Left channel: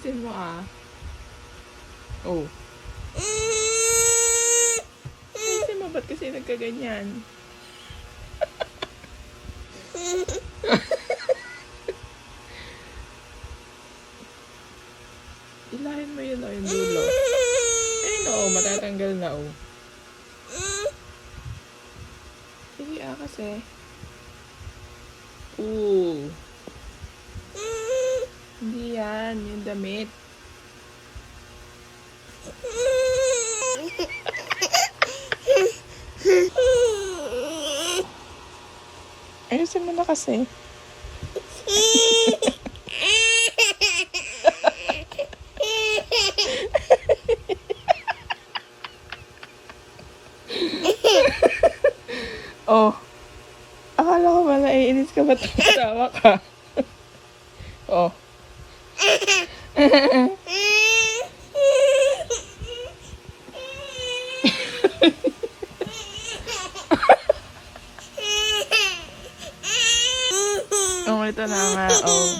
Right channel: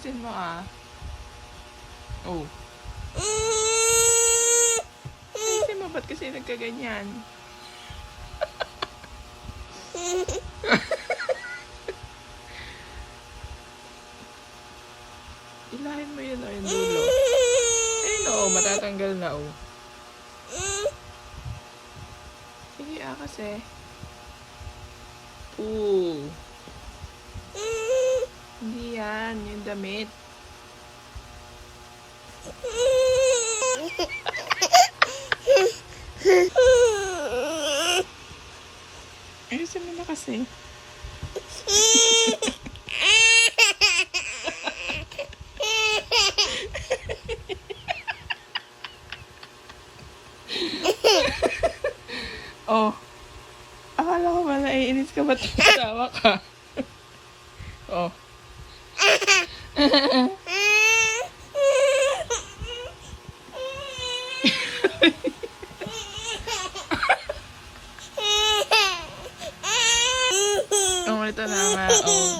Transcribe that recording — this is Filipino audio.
Alisin mo ah. Oh. Alisin mo, ba't kasi nagkaganyan? Ilahin mo yun o yung dulo. Ayun o, matatanggal na o. Sige ah kasi. Hindi yan, yung damit. Ayusin mo na kasi. Oh. Akala ko ba naiinis ka ba tawa ka? Oh. Oh, ito na nga. Oh.